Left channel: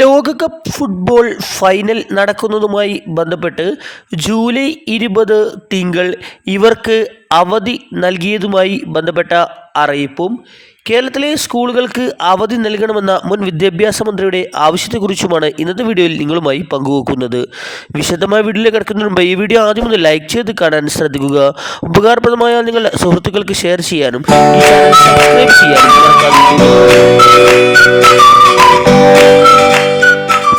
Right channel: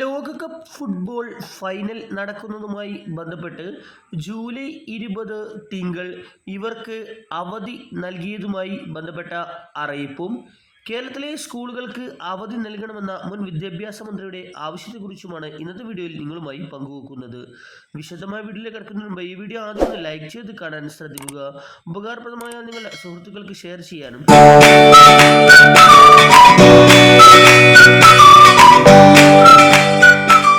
ലോകകപ്പ് football final നടക്കുന്നതുമായി ബന്ധപ്പെട്ട് July 20 തിങ്കൾ ഇവർക്ക് അവധി നൽകിയതുമായി ബന്ധപ്പെട്ട അറിയിപ്പും കേരളത്തിലെ സ്കൂളുകൾക്ക് അവധി നൽകണമെന്ന മുൻ വിദ്യാഭ്യാസ മന്ത്രിയുടെ ആവശ്യത്തെക്കുറിച്ചുമാണ് ഇന്നത്തെ വീഡിയോയിൽ നിങ്ങളുമായി പങ്കുവെക്കുന്നത്. വിശദമായ വീഡിയോയിലേക്ക് കിടക്കുന്നതിന് മുമ്പ് ഈ വീഡിയോ ആദ്യം ഒന്ന് ലൈക്ക് ചെയ്ത് കാണാൻ ശ്രദ്ധിക്കുക. ഉപകാരപ്രദമായ നിങ്ങളുടെ സുഹൃത്തുക്കൾക്ക് ഷെയർ ചെയ്യാനും സബ്സ്ക്രൈബ് ചെയ്യാനും.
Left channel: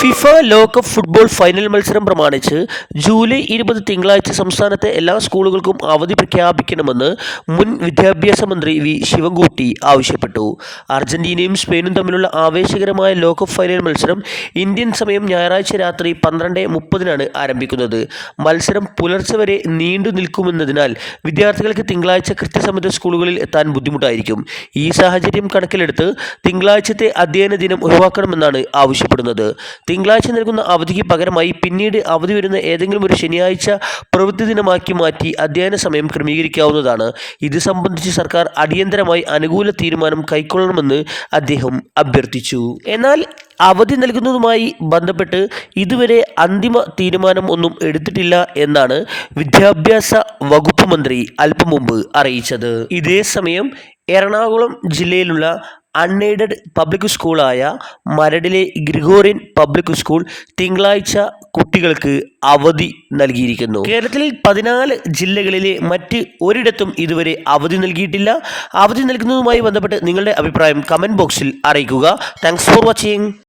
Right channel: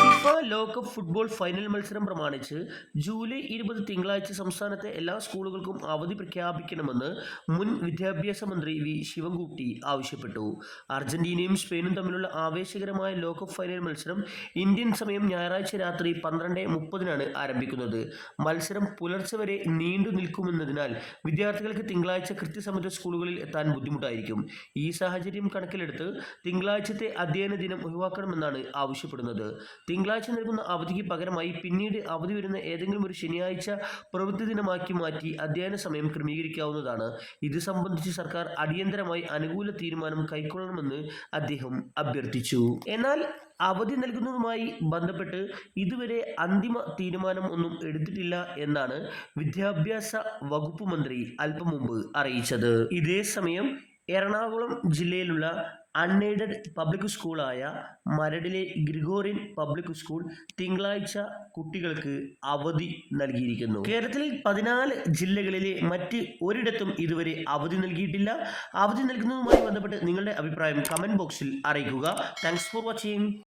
ഫിഫ ലോകകപ്പ് ഫുട്ബോൾ ഫൈനൽ മത്സരം പ്രമാണിച്ച് ജൂലൈ 20 തിങ്കളാഴ്ച സംസ്ഥാനത്തെ എല്ലാ സ്കൂളുകൾക്കും അവധി പ്രഖ്യാപിക്കണമെന്ന് മുൻ വിദ്യാഭ്യാസ മന്ത്രി വി ശിവൻകുട്ടി ആവശ്യപ്പെട്ടു. അർജന്റീനയും സ്പെയിനും തമ്മിലുള്ള ആവേശകരമായ ലോകകപ്പ് ഫൈനൽ മത്സരം ഇന്ത്യൻ സമയം ഞായറാഴ്ച രാത്രി 12:30 ആരംഭിക്കുന്നത്. മത്സരം പുലർച്ചെ വരെ നീണ്ടു നിൽക്കുമെന്നതിനാൽ വിദ്യാർത്ഥികൾക്ക് തിങ്കളാഴ്ച കൃത്യസമയത്ത് സ്കൂളുകളിൽ എത്താൻ ബുദ്ധിമുട്ടായിരിക്കും. ഈ സാഹചര്യം കണക്കിലെടുത്ത് തിങ്കളാഴ്ചത്തെ അധ്യയന ദിനം ഒഴിവാക്കണമെന്നാണ് ആവശ്യപ്പെടുന്നത്. തിങ്കളാഴ്ച നൽകുന്ന അവധിക്ക് പകരമായി പിന്നീട് അവധി വരുന്ന ഏതെങ്കിലും ഒരു ശനിയാഴ്ച പ്രവൃത്തി ദിനമാക്കി മാറ്റി അധ്യയന സമയം ക്രമീകരിക്കാവുന്നതാണ്. ഇത് സംബന്ധിച്ച് സർക്കാർ അടിയന്തരമായി അനുകൂല തീരുമാനം കൈക്കൊള്ളണമെന്ന് അദ്ദേഹം അഭ്യർത്ഥിച്ചു. എന്നാൽ അവധി നൽകുന്നതുമായി ബന്ധപ്പെട്ട് ഇതുവരെ അന്തിമ തീരുമാനം ഒന്നും എടുത്തിട്ടില്ല എന്നാണ് വിദ്യാഭ്യാസ വകുപ്പ് മന്ത്രി അല്പം മുമ്പ് അറിയിച്ചത്. ഇതേസമയം എറണാകുളം ജില്ലയിലുള്ള അൺഎയ്ഡഡ് പബ്ലിക് സ്കൂളായ മരടിലെ ഗ്രിഗോറിയൻ പബ്ലിക് സ്കൂൾ തിങ്കളാഴ്ച കുട്ടികൾക്ക് അവധി നൽകിയിരിക്കുന്നു. കേരളത്തിൽ 14 ജില്ലകളിലെ മറ്റ് ഒരിടത്തും ഇതുവരെ അവധി നൽകിയിട്ടില്ല. അവധി നൽകുന്നതുമായി ബന്ധപ്പെട്ട് നിങ്ങളുടെ അഭിപ്രായം കമൻറ്റ് ബോക്സിൽ അറിയിക്കുക. Thanks for watching.